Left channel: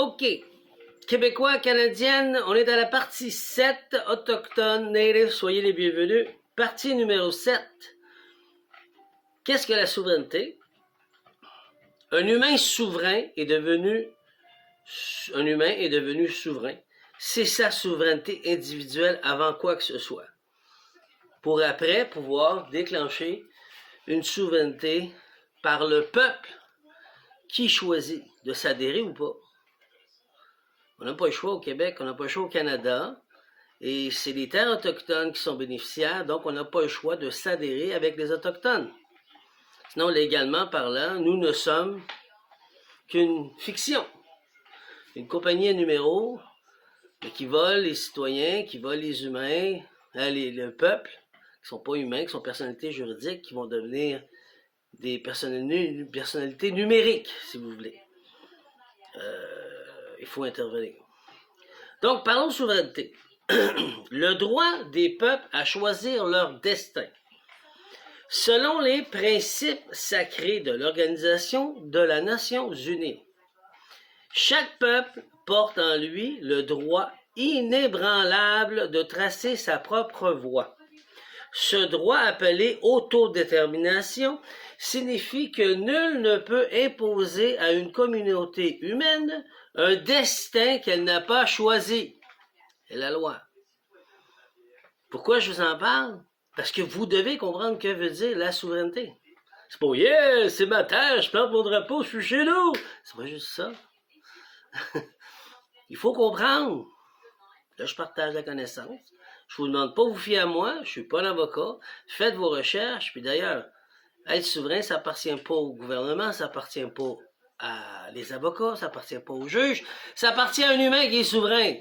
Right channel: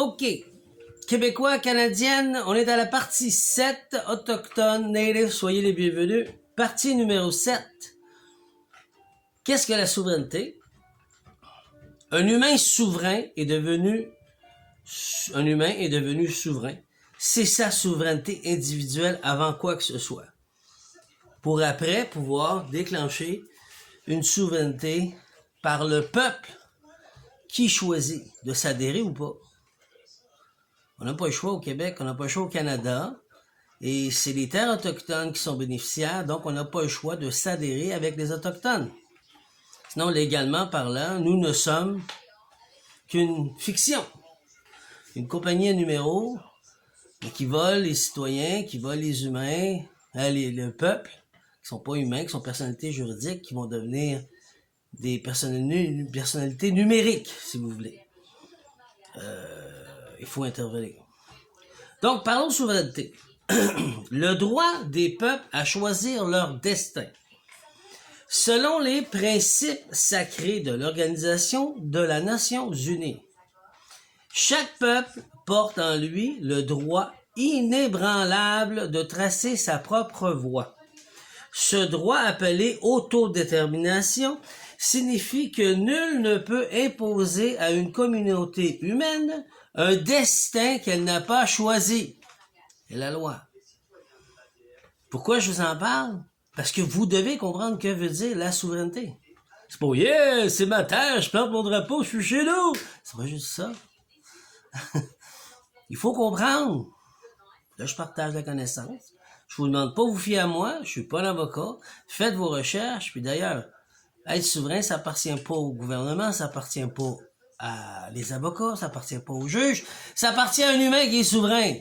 OK. Québécois, Canadiennes, on est à la partie 7, Autochtones, Native, soyez les bienvenus. Partie numéro 7. Qu'est-ce que la souveraineté? Un humain est devenu souverain. C'est sa souveraineté individuelle avant quoi que ce soit. Pour après pouvoir déclencher une souveraineté par le peuple qui choisit de s'adhérer ou pas. On n'a pas le choix au Québec, on n'a pas le choix au Canada, et c'est les terres autochtones qui sont bénéficiaires, donc on n'a pas le choix de s'adhérer avec les Autochtones. Sinon, légalement parlant, nous ne sommes qu'une fiction, une compagnie à numéros, mais qui vole les citoyens, qui vole les humains, le peuple, qui sont pas humains, qui sont personnalités juridiques, qui vont devenir des personnalités numériques, si vous voulez. Il faut intervenir. Donc, parlons de souveraineté. Le droit des peuples à choisir leur destin. Selon les principes sacrés de l'Organisation de la Nations Unies, chaque peuple porte en lui le droit inébranlable de tracer sa propre voie. Ce droit appelé autodétermination signifie que nul ne peut imposer à une communauté humaine un destin qu'elle n'a pas choisi. C'est la loi. Pourquoi je vous en parle? Parce que vous devez comprendre que veut dire la souveraineté. C'est pas « Yeah, c'est ma terre, je plante mon drapeau, je suis chez nous! » C'est pas juste ça. Il faut comprendre. Là, je partage la connaissance. Je vous demande pas de vous fier à moi, je suis pas un avocat. Faites vos recherches, puis d'ailleurs, être souverain, ça appartient pas au gouvernement, ça appartient pas à les avocats, ça appartient pas aux juges, ça appartient à un humain qui est souverain.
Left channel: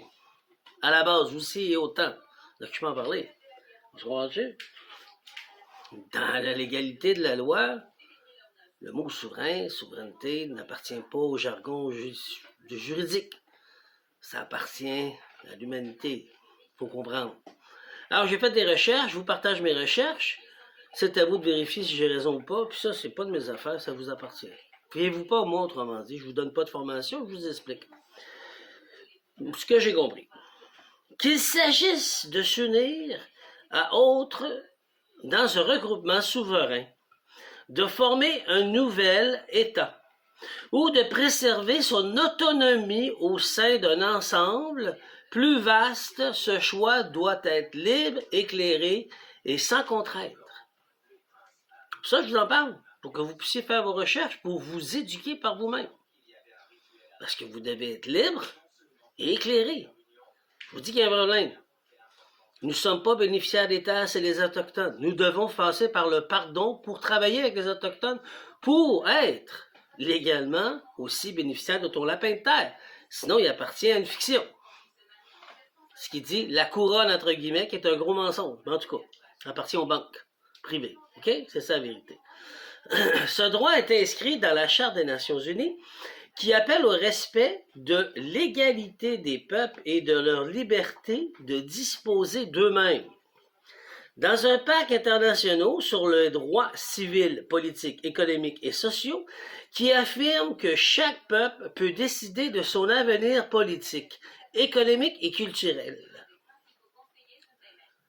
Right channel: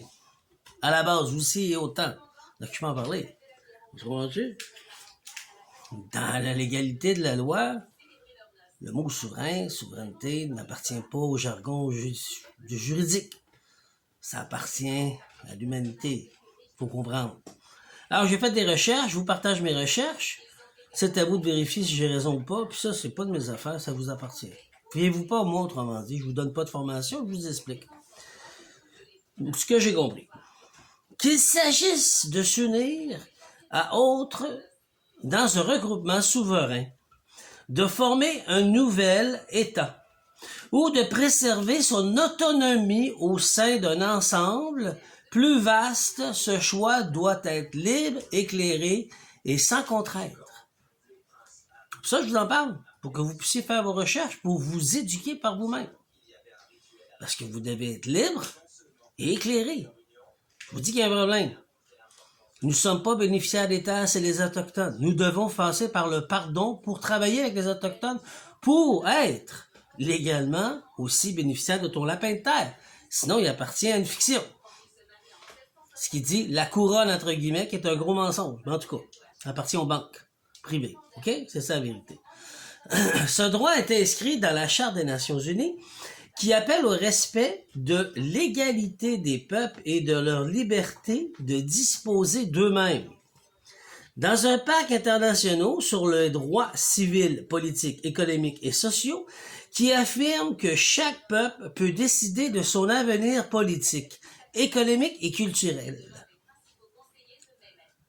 À la base aussi et autant. Donc, je peux en parler. Vous comprenez? Dans la légalité de la loi, le mot souverain, souveraineté, n'appartient pas au jargon juridique. Ça appartient à l'humanité. Faut comprendre. Alors, j'ai fait des recherches, je vous partage mes recherches. C'est à vous de vérifier si j'ai raison ou pas. Puis ça, c'est pas de mes affaires, ça vous appartient. Fiez-vous pas à moi, autrement dit. Je vous donne pas de formation, je vous explique. Ce que j'ai compris. Qu'il s'agisse de s'unir à autres dans un regroupement souverain, de former un nouvel État ou de préserver son autonomie au sein d'un ensemble plus vaste, ce choix doit être libre, éclairé et sans contrainte. Ça, je vous en parle, pour que vous puissiez faire vos recherches, pour vous éduquer par vous-même. Parce que vous devez être libre et éclairé. Je vous dis qu'il y a un problème. Nous ne sommes pas bénéficiaires des terres, c'est les Autochtones. Nous devons passer par le pardon pour travailler avec les Autochtones, pour être légalement aussi bénéficiaires de ton lapin de terre. Sinon, il appartient à une fiction. Ce qui dit la couronne, entre guillemets, qui est un gros mensonge. En tout cas, appartient aux banques privées. OK? C'est ça la vérité. Ce droit est inscrit dans la Charte des Nations Unies qui appelle au respect de l'égalité des peuples et de leur liberté de disposer d'eux-mêmes. Dans un pacte international sur le droit civil, politique, économique et social, qui affirme que chaque peuple peut décider de son avenir politique, économique et culturel.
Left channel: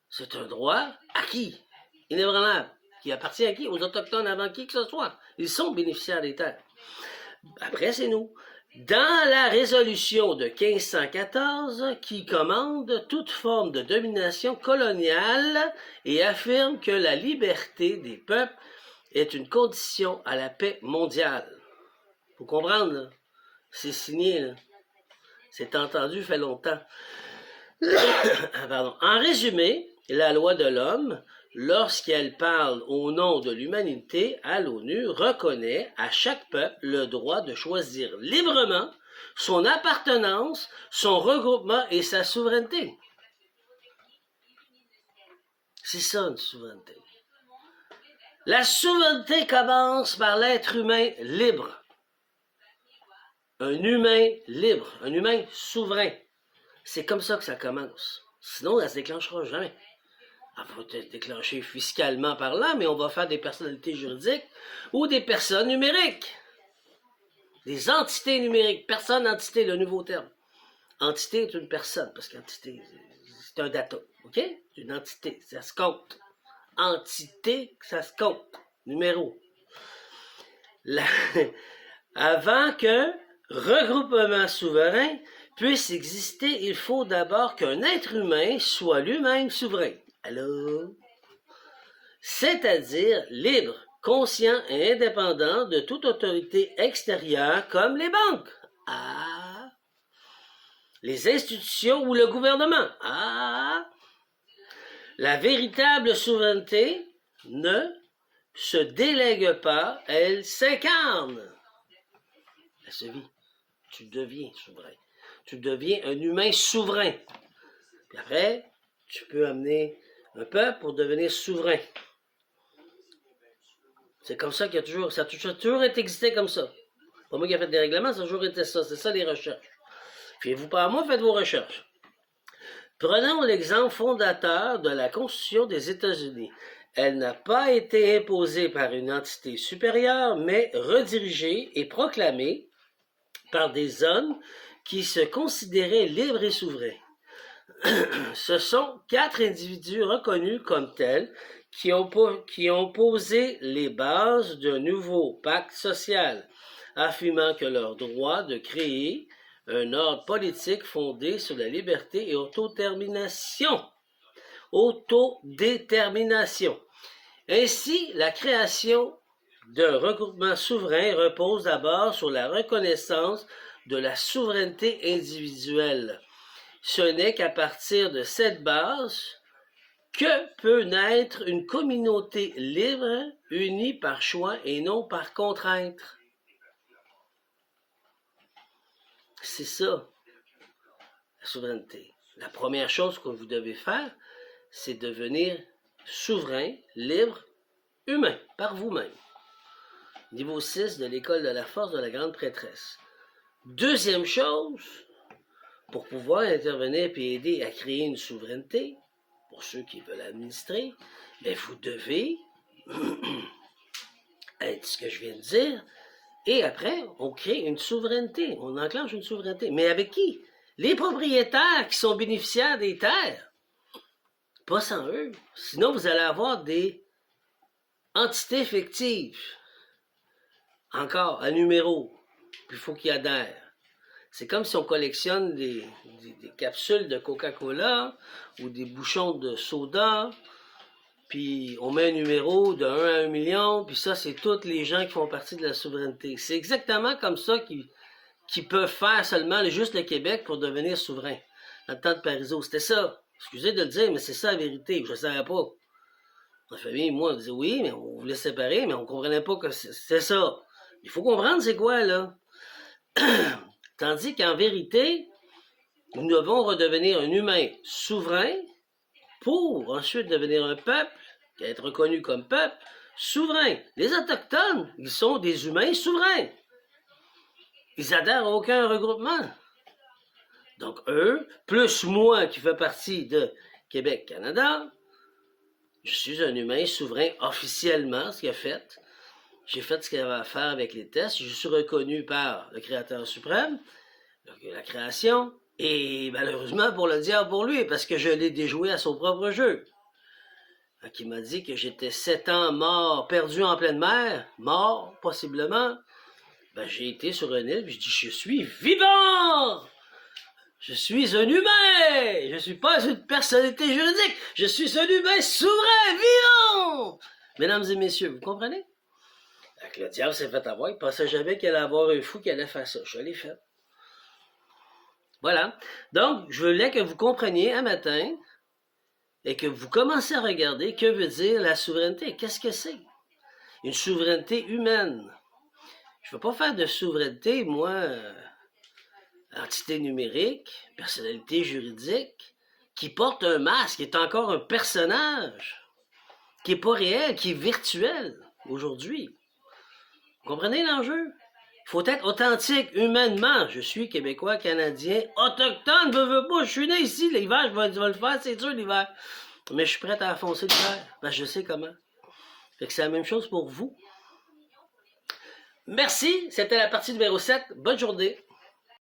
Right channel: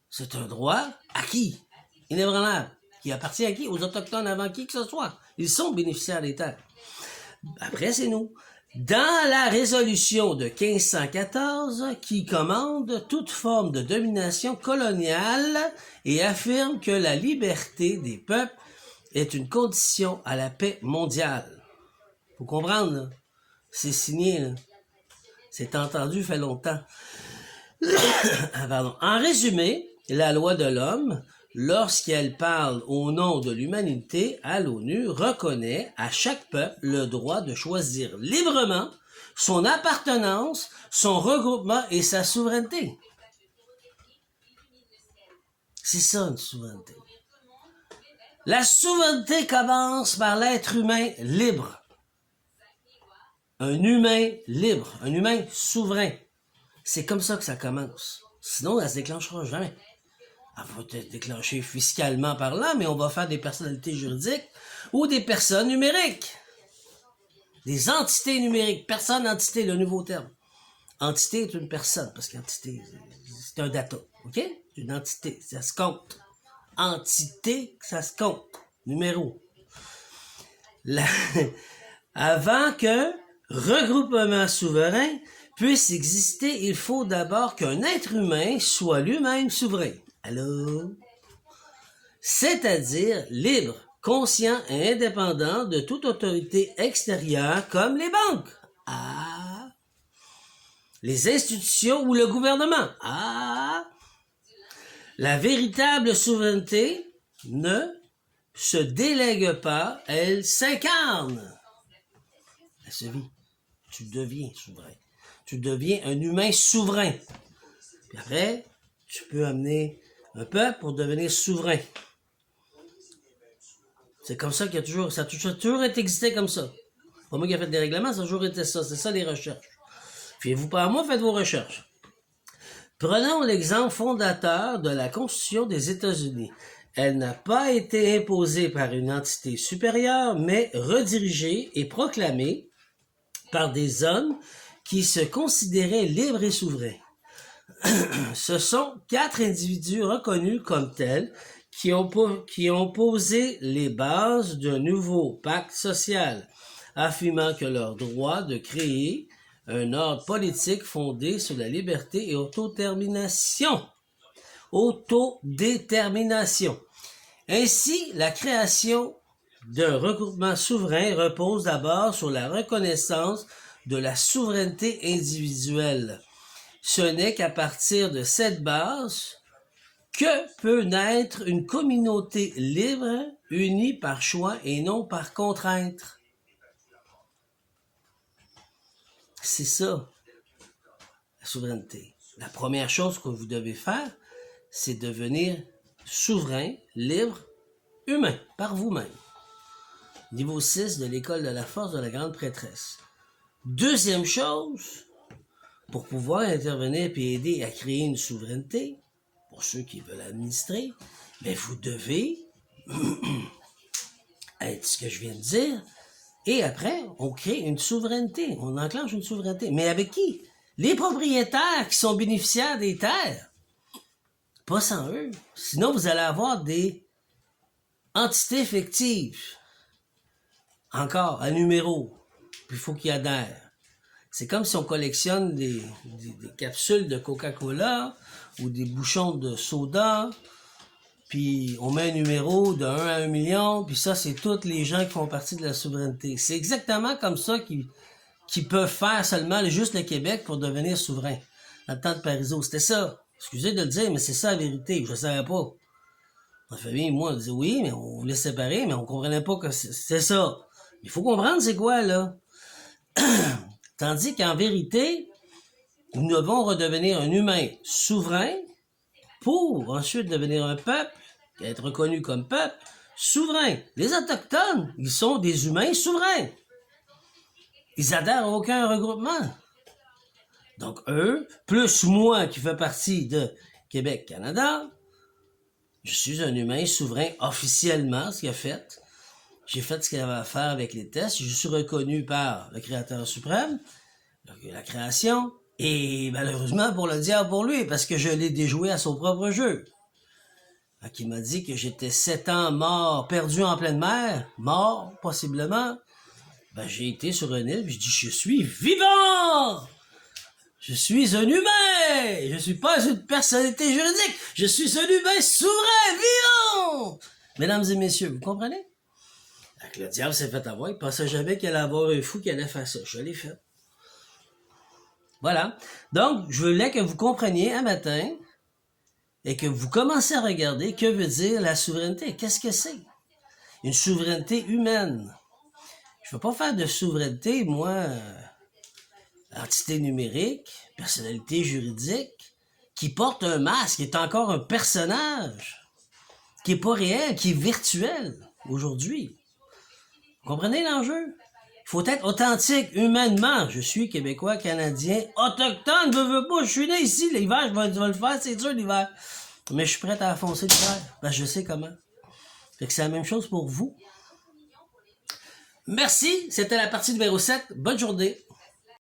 C'est un droit acquis, inébranlable, qui appartient à qui? Aux Autochtones avant qui que ce soit. Ils sont bénéficiaires des terres. Après, c'est nous. Dans la résolution de 1514, qui commande toute forme de domination coloniale et affirme que la liberté des peuples est une condition à la paix mondiale. Faut comprendre, là. C'est signé, là. C'est entendu, fait longtemps. Pardon. En résumé, la loi de l'homme, lorsqu'elle parle au nom de l'humanité à l'ONU, reconnaît à chaque peuple le droit de choisir librement son appartenance, son regroupement et sa souveraineté. C'est ça, une souveraineté. La souveraineté commence par l'être humain libre. Un humain libre, un humain souverain. C'est comme ça que ça commence. Sinon, elle ne se déclenchera jamais. Elle va être déclenchée fiscalement parlant, mais on va faire des personnalités juridiques ou des personnes numériques. Des entités numériques. Personne, entité, le nouveau terme. Entité est une personne, parce qu'entité, c'est un data. OK? C'est une entité, ça se compte. Entité, ça se compte. Numéro. La... Avant qu'un regroupement souverain puisse exister, il faut d'abord qu'un être humain soit lui-même souverain. Allô? C'est-à-dire libre, conscient et indépendant de toute autorité extérieure comme les banques. Ah! Les institutions ou le gouvernement. Ah! La véritable souveraineté ne se délègue pas, elle s'incarne. Elle se vit. Tu deviens souverain. Tu deviens un humain souverain. Puis après, tu peux amener un peuple pour devenir souverain. C'est comme ça ça a toujours été existé comme ça. Pas moi qui ai fait des règlements, ça a toujours été ça. C'est ça les recherches. Fiez-vous pas à moi, faites vos recherches. Prenons l'exemple fondateur de la Constitution des États-Unis. Elle n'a pas été imposée par une entité supérieure, mais redirigée et proclamée par des hommes qui se considéraient libres et souverains. Ce sont 4 individus reconnus comme tels qui ont posé les bases d'un nouveau pacte social, affirmant que leur droit de créer un ordre politique fondé sur la liberté et autodétermination. Ainsi, la création d'un regroupement souverain repose d'abord sur la reconnaissance de la souveraineté individuelle. Ce n'est qu'à partir de cette base que peut naître une communauté libre, unie par choix et non par contrainte. C'est ça, la souveraineté. La première chose que vous devez faire, c'est devenir souverain, libre, humain, par vous-même. Niveau 6 de l'école de la force de la grande prêtresse. Deuxième chose, pour pouvoir intervenir et aider à créer une souveraineté, pour ceux qui veulent administrer, mais vous devez être ce que je viens de dire, et après, on crée une souveraineté, on enclenche une souveraineté. Mais avec qui? Les propriétaires qui sont bénéficiaires des terres. Pas sans eux. Sinon, vous allez avoir des entités fictives. Encore, à numéro. Puis il faut qu'ils adhèrent. C'est comme si on collectionne des capsules de Coca-Cola ou des bouchons de soda, puis on met un numéro de 1 à 1 million, puis ça, c'est tous les gens qui font partie de la souveraineté. C'est exactement comme ça qu'ils peuvent faire seulement juste le Québec pour devenir souverain. Dans le temps de Parizeau, c'était ça. Excusez de le dire, mais c'est ça la vérité. Je ne savais pas. Ma famille, moi, on disait oui, mais on voulait se séparer, mais on comprenait pas que c'est ça. Il faut comprendre c'est quoi, là. Tandis qu'en vérité, nous devons redevenir un humain souverain pour ensuite devenir un peuple, être reconnu comme peuple, souverain. Les Autochtones, ils sont des humains souverains. Ils adhèrent à aucun regroupement. Donc eux, plus moi qui fais partie de Québec-Canada, je suis un humain souverain officiellement, ce qu'il a fait. J'ai fait ce qu'il avait à faire avec les tests. Je suis reconnu par le Créateur suprême, la création, et malheureusement pour le diable pour lui, parce que je l'ai déjoué à son propre jeu. Qui m'a dit que j'étais 7 ans mort, perdu en pleine mer, mort possiblement. Ben, j'ai été sur une île, puis je dis, je suis vivant! Je suis un humain! Je suis pas une personnalité juridique! Je suis un humain souverain, vivant! Mesdames et messieurs, vous comprenez? Donc, le diable s'est fait avoir, il pensait jamais qu'il allait avoir un fou qui allait faire ça. Je l'ai fait. Voilà. Donc, je voulais que vous compreniez un matin et que vous commencez à regarder que veut dire la souveraineté. Qu'est-ce que c'est? Une souveraineté humaine. Je ne veux pas faire de souveraineté, moi, entité numérique, personnalité juridique, qui porte un masque, qui est encore un personnage, qui n'est pas réel, qui est virtuel aujourd'hui. Vous comprenez l'enjeu? Il faut être authentique, humainement. Je suis Québécois, Canadien, autochtone, je veux pas, je suis né ici, l'hiver, je vais le faire, c'est sûr, l'hiver. Mais je suis prêt à affoncer l'hiver, je sais comment. Fait que c'est la même chose pour vous. Merci, c'était la partie numéro 7. Bonne journée.